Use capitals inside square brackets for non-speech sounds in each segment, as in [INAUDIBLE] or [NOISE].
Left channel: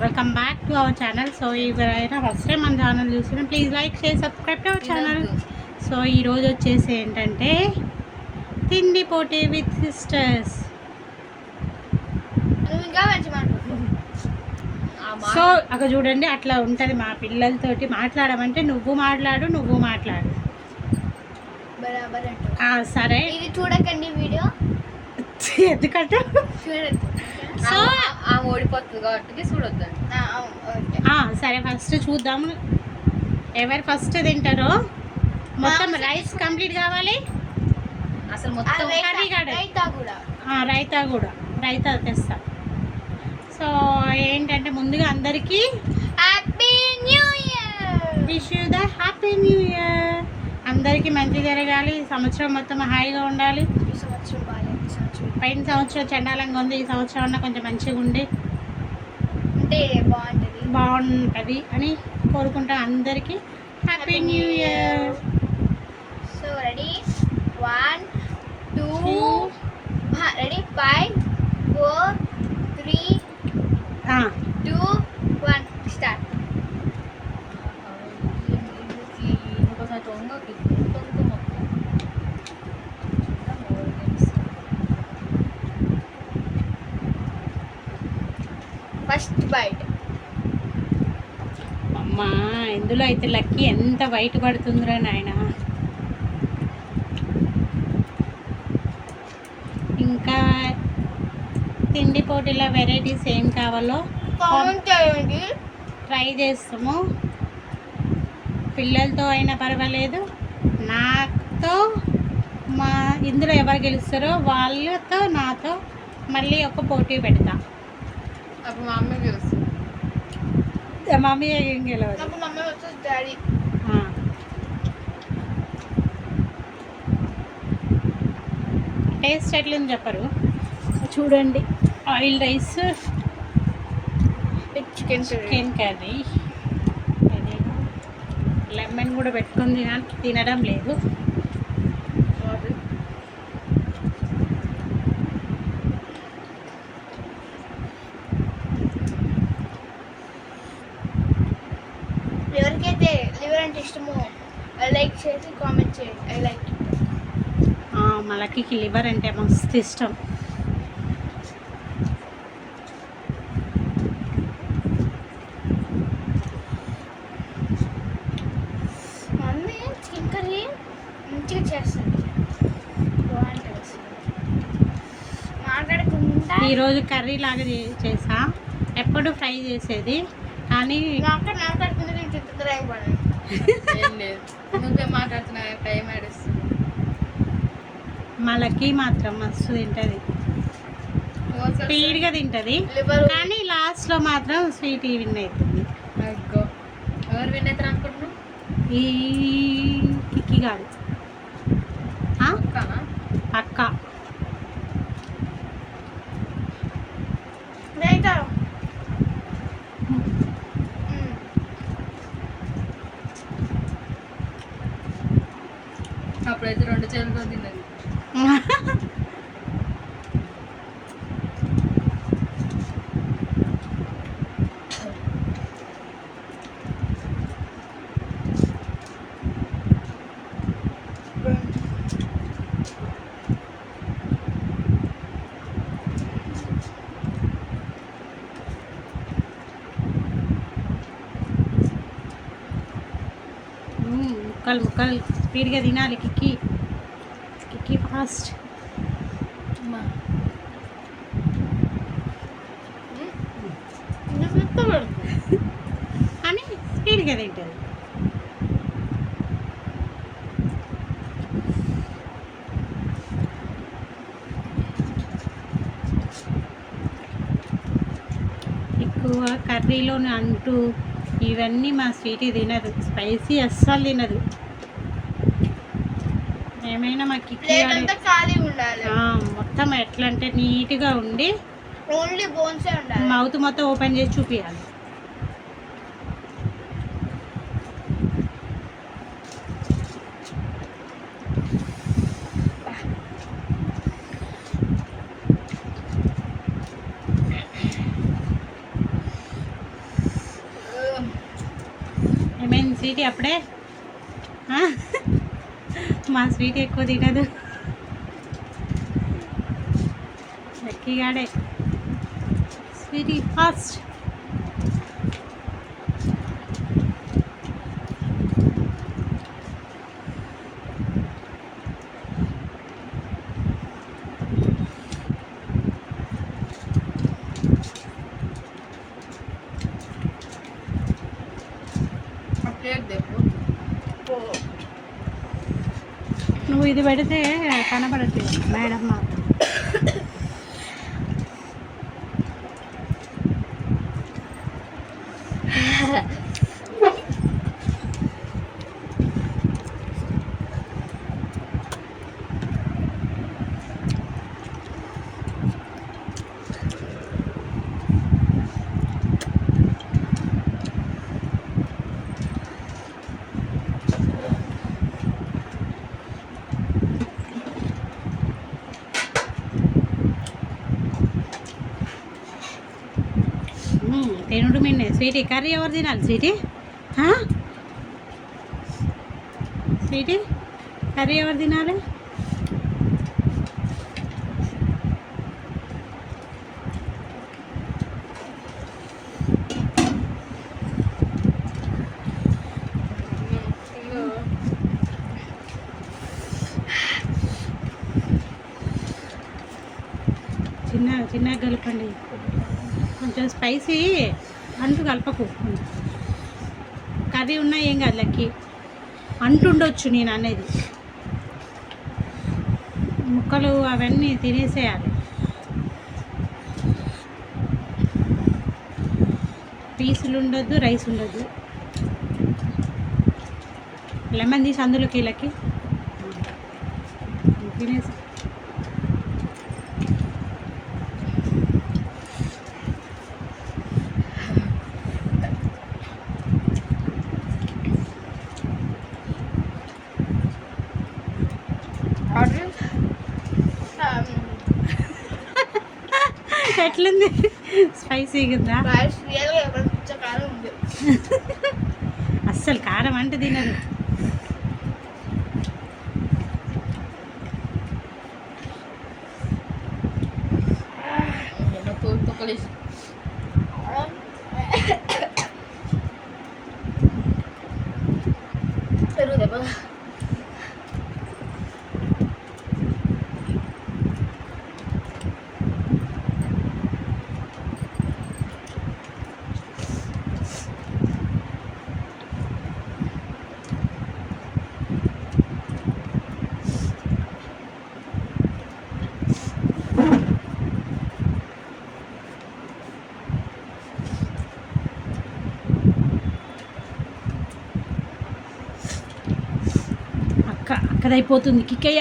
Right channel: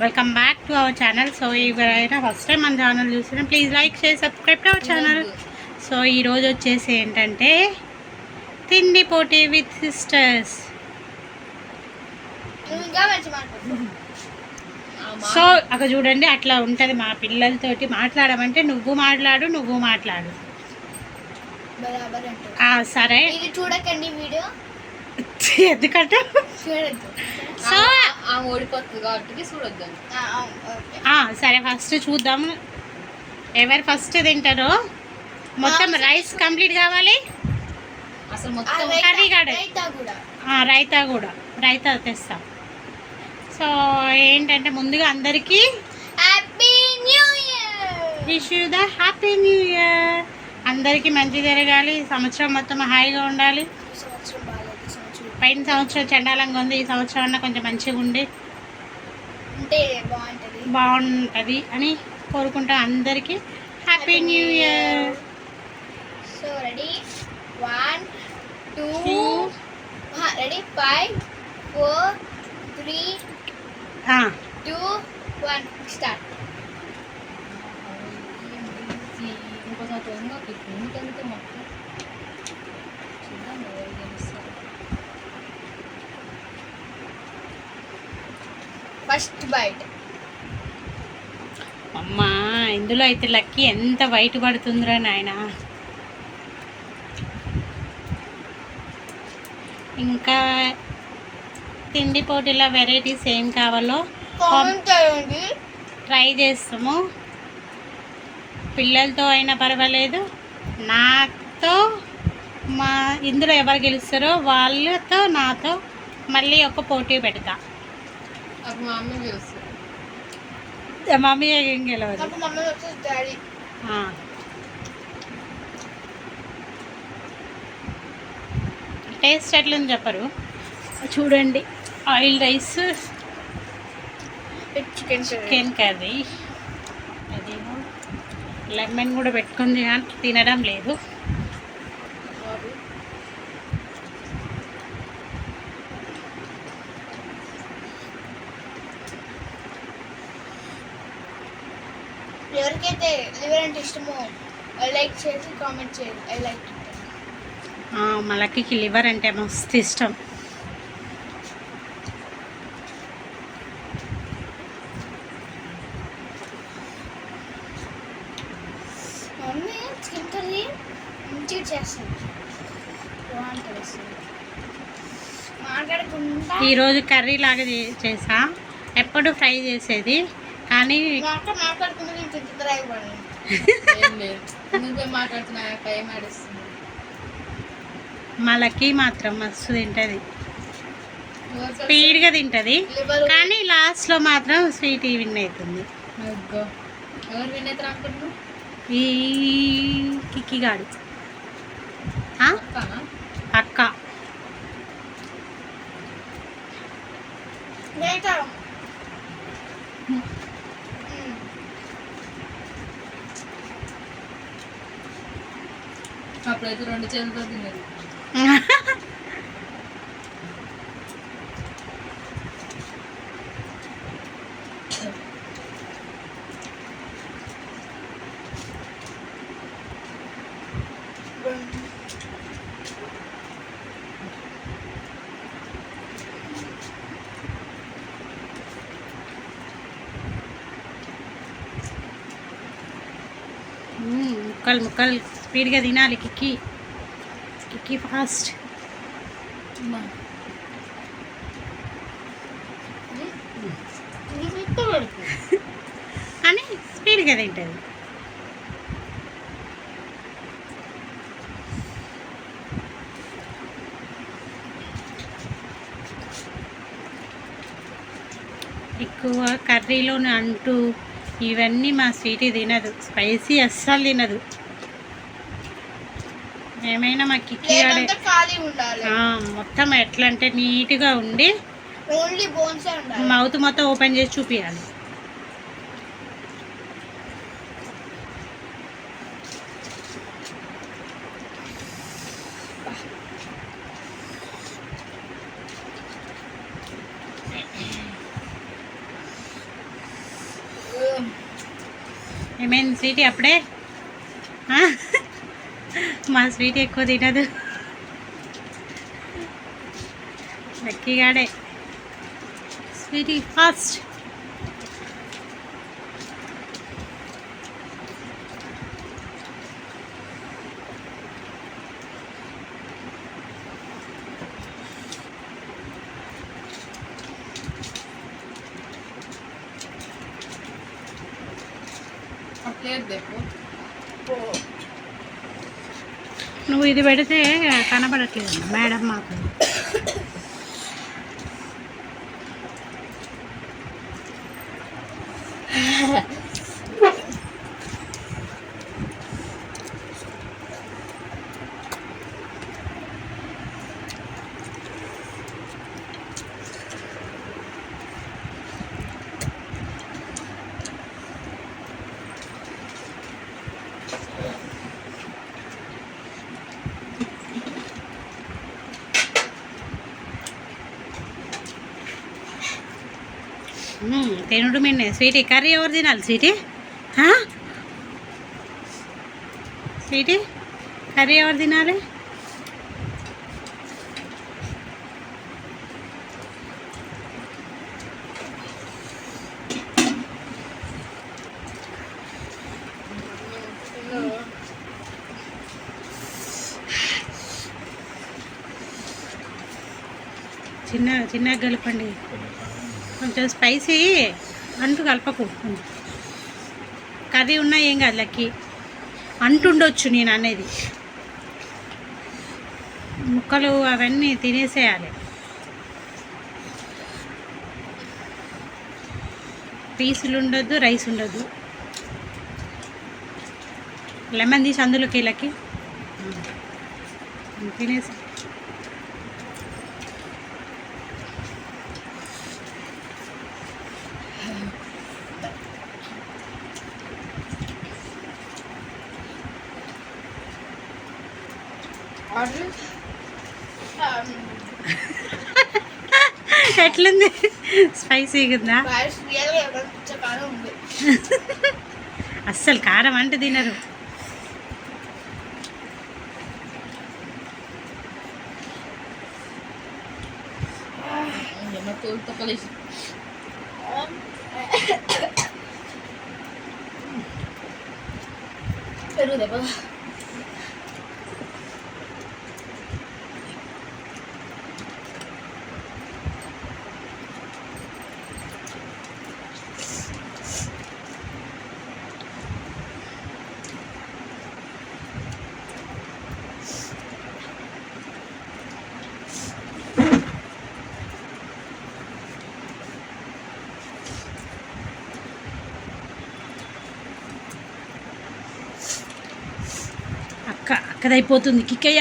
Welcome back to our channel so ఎవరైనా first time మన channel చూస్తున్నా. Please like share subscribe to our channel so ఈరోజు వచ్చేసి ఏంటంటే తిండి పోటీ విత్ సిస్టర్స్ సో అక్కడ చూడండి అట్లా ఉంటుంది మా పిల్లలతోటి మాట్లాడమంటే నువ్వు మాట్లాడు నువ్వు మాట్లాడు. సరే. చూడకండి వీడియో. [LAUGHS] ఎందుకంటే సో ఆ ఓడిపోతుంది కాబట్టి చూడొద్దండి. ఆ, అవును, ఓకే. ఆ, సరే ఫస్ట్ చూద్దాం. ఎవరు ఫస్ట్ తింటారో? మొత్తం రైస్ కంప్లీట్ కావాలి? అసలు మొత్తం రైతా- కర్రీ కూడా. ఆ, రైతా కూడా. రైతా తెస్తా. సో ఏంటంటే ముందుగా అందరికీ happy new year! Wish you the happy new year. అందరికీ మంచి జరగాలి. సంవత్సరం మొత్తం హాయిగా ఉండాలి ఈ సంవత్సరం బాగాలేదు ఈ సంవత్సరం పైన సంవత్సరం చండాలంగా ఉంది ఈ సంవత్సరం అన్న కొంచెం మంచిగా ఉండి ఉంటే బాగుంటుంది. బాగుంటుంది అని కోరుకుంటాం అందరికీ. Happy new year so ready one two. Ready five four three two one start ఇంకోసారి తొంగ తొంగ మొత్తం చూద్దాం ఎవరు గెలుస్తారు. First bite. అమ్మా ఇందులో అయితే లక్కీ ఎంత వైట్ పడుతుందిరా నాయన? ఇంకా తిండి పోటీలో వెరైటీస్ ఏం కావాలో ట్రై చేస్తాము. పిల్లలతో అయినా పర్వాలేదు. నాతో మా ఇందులో ఎవరు గెలుస్తారో వాళ్ళతో నాతో మళ్ళీ ఒక పోటీ పెడతా. అప్పుడు మా అమ్మ గెలుస్తుంది మమ్మీ ఏం గెలవదు నాకు మమ్మీ వచ్చేసి డాడీ. ఆ. టేస్ట్ ఎట్లని చెప్పరు? చూడండి oil rice chicken chicken curry. అదేమో. లెమన్ కూడా పెట్టుకుంది కానీ తినడం లేదు. లివర్ అంటే ఇష్టమో లైక్ చేసి కామెంట్ చేయండి. ఐ లైక్ ఆ, మా లక్కీకి లివర్ అంటే మస్తు ఇష్టం. మమ్మీ చికెన్ కర్రీ మంచిగా చేస్తుంది. మాట్లాడకుండా. ఈరోజు కర్రీ లాగా చేసా. ఎప్పుడు ఫ్రై చేసేది? కానీ మాట్లాడ మాట్లాడుకుంటే నేను తింటుంది అయిపోయింది ఏం లేదు నువ్వే మాట్లాడుతున్నా టైం ఆడేస్తుంది మా లక్కీ మాత్రం మస్తు తింటుంది. స్పీడ్గా తింటుంది. కానీ లాస్ట్లో మాత్రం స్వీట్ విన్ అవుతుంది ఈ కిక్కిగాడు. అక్క రైతా అప్పుడైతే రెండు చేతులతో తిన్నది మ్మ్, ముక్కలు ముక్కలు స్పీడ్గా తినాలి కిక్కి. కిక్కి ఫాస్ట్. అని స్పీడ్గా తింటుంది. ఎక్కువ కర్రీలోని అంటూ ఇవన్నీ మా స్వీట్ తినదు. స్పైసీ అస్సలు తినదు. ఏమైనా మా కిక్కి మొత్తం ఎట్లా అంటే నీట్గా ఉండి ఓన్లీ బోన్సే ఉండాలి. మౌత్ మొత్తం ఓపెన్ చేసి చూపించాలి ఏమైంది స్వీటీ అప్పుడే? మా స్వీట్ ఎక్కువ తినదు లక్కీగాడే స్వీటీ ఫాస్ట్ ఆ ప్లేట్ దేపు నువ్వు ఇది పెడితే కనబడట్లేదు. మేడం మాకు. తినుడు మిన్నే. స్వీటీ కర్రీ ఎవరు తినాలి స్వీటీ? స్వీటీ కర్రీ ఎవరు తినాలి? చిన్న చిన్నగా కలపండి కొంచెం స్పైసీ అంటు కలపకు. కర్రీ ఉన్నా ఏం కాదు లక్కి. అంటుండొచ్చు నేను అనేది. ముక్కలు అవన్నీ తినేసేయాలి. పీసులు ఉండొద్దు రైస్ ఉండొద్దు. లెమన్ తీసి అందులోకి వీళ్ళకి తినేసి [LAUGHS] ఎట్లుంది? స్పైసీగా ఉందా. [LAUGHS] అస్సలు కారం అంటే తినరు. ఎన్నో తోలుతో కలిసి పెరుగు అయిపోతుంది కిక్కయ్య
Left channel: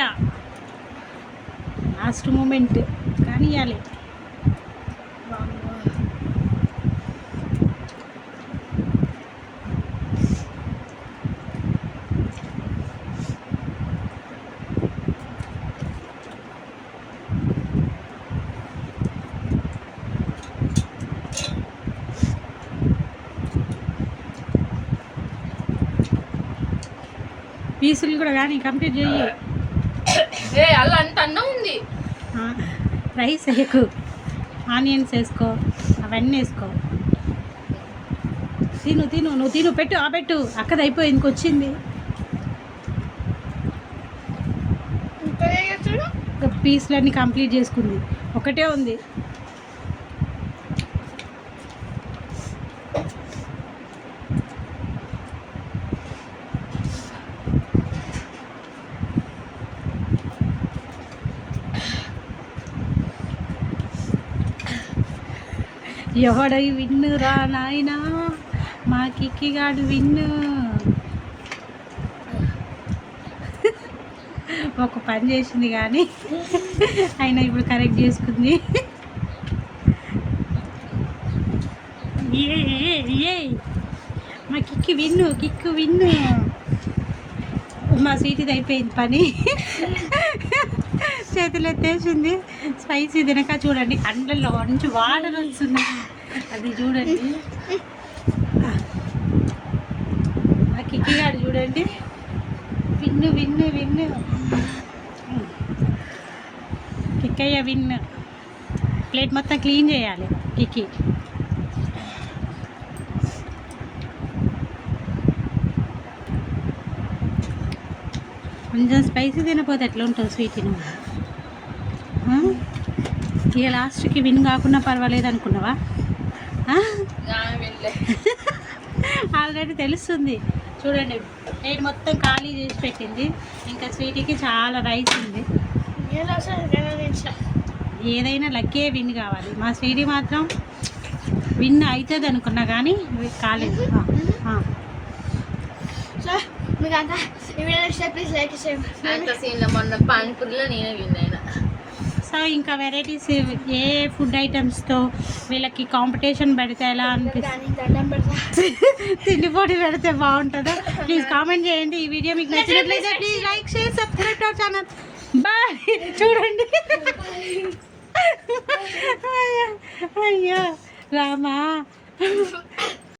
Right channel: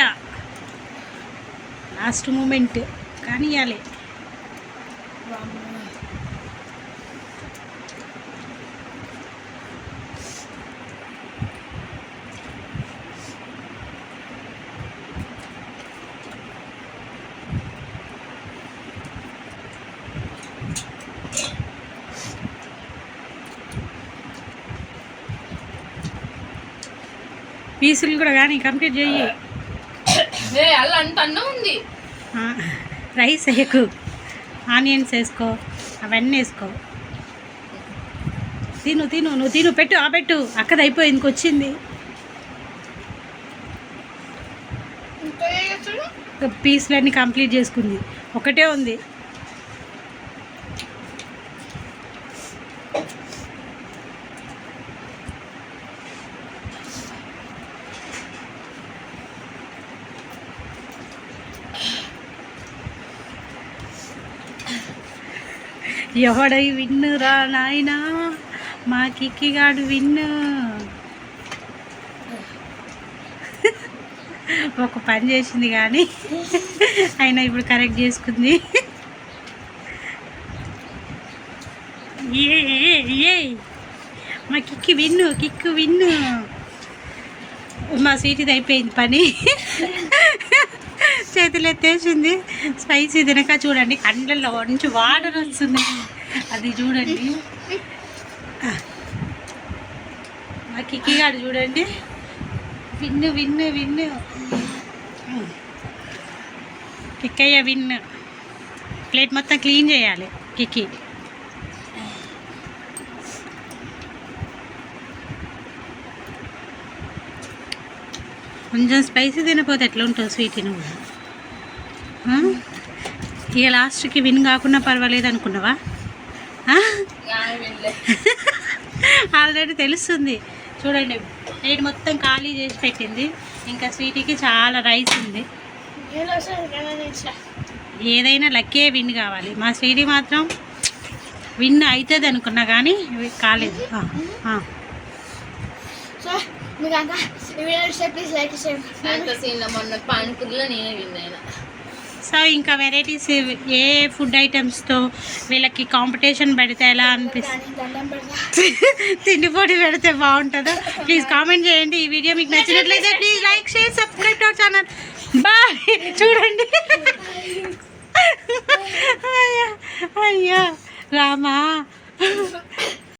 లాస్ట్ మూమెంట్ కానీ ఇవ్వాలి పీసులు కూడా కానీ కంప్లీట్ చెయ్యి అంత అన్నం ఉంది. రైస్ వేయకు. ఆనియన్స్ వేసుకో అవన్నీ వేసుకో. తిను తిను నువ్వు తిను పెట్టు ఆ పెట్టు. అక్కది అయిపోయింది వచ్చింది. ఇంకా ఏం చేస్తాడు ఇంకా పీసులన్నీ కంప్లీట్ చేసుకుంది. ఒకటే ఉంది. ఎవడై విన్ను రా నాయనా? మా కిక్కిగాడు విన్ను. ఒక పని చేసింది కానీ అయినా ఇప్పుడు కరెక్ట్ చేసుకుంది. ఏ ఏ, ఏ. మా కిక్కి విన్ను కిక్కు విన్ను. మా స్వీట్ది అయిపోయింది పని. చేతులు ఎత్తేసింది. స్పైసీ తినక చూడండి. అండల్లో నుంచి వాటర్ వస్తుంది. అది చూడండి. మా కిక్కి చూడండి. Win win win Kikkayya win. Plate మొత్తం క్లీన్ చేయాలి కిక్కి. కొంచెం స్పైసీ తినపోతే ఎట్లా ఉంటుంది స్వీట్ నువ్వు ఇక లాస్ట్కి విన్ కాకుండా పర్వాలేదు అనుకున్నావా? ఆల్రెడీ తెలుస్తుంది. చూడండి నేను మొత్తం ఖాళీ చేసి పెట్టింది. ఇంకా స్వీట్కి చాలా రైస్ ఉంది. ఏదైనా లక్కే విన్ కావాలి. మా స్వీటీ మాత్రం విన్ అవుతుంది అనుకున్నా కానీ కాలేదు. మీకు అంతా ఈ వీడియో ప్లీజ్ లైక్ అంత చేయండి సీన్లో మొన్న పానీపూరిలో నేనే విన్ అయినా సో ఇంకా వెరైటీస్ ఏ ఫుడ్ ఐటమ్స్తో వీళ్ళకి కాంపిటీషన్ పెడితే ఎలా అనిపిస్తుంది పెడతా. [LAUGHS] తిండి పొడి పెడితే బాగుంటుందో? ప్లీజ్ కామెంట్ చేయండి. ఈ వీడియో మీకు నచ్చినట్లయితే please like share subscribe to our channel bye చూడండి. అయ్యో అయ్యో. రామా.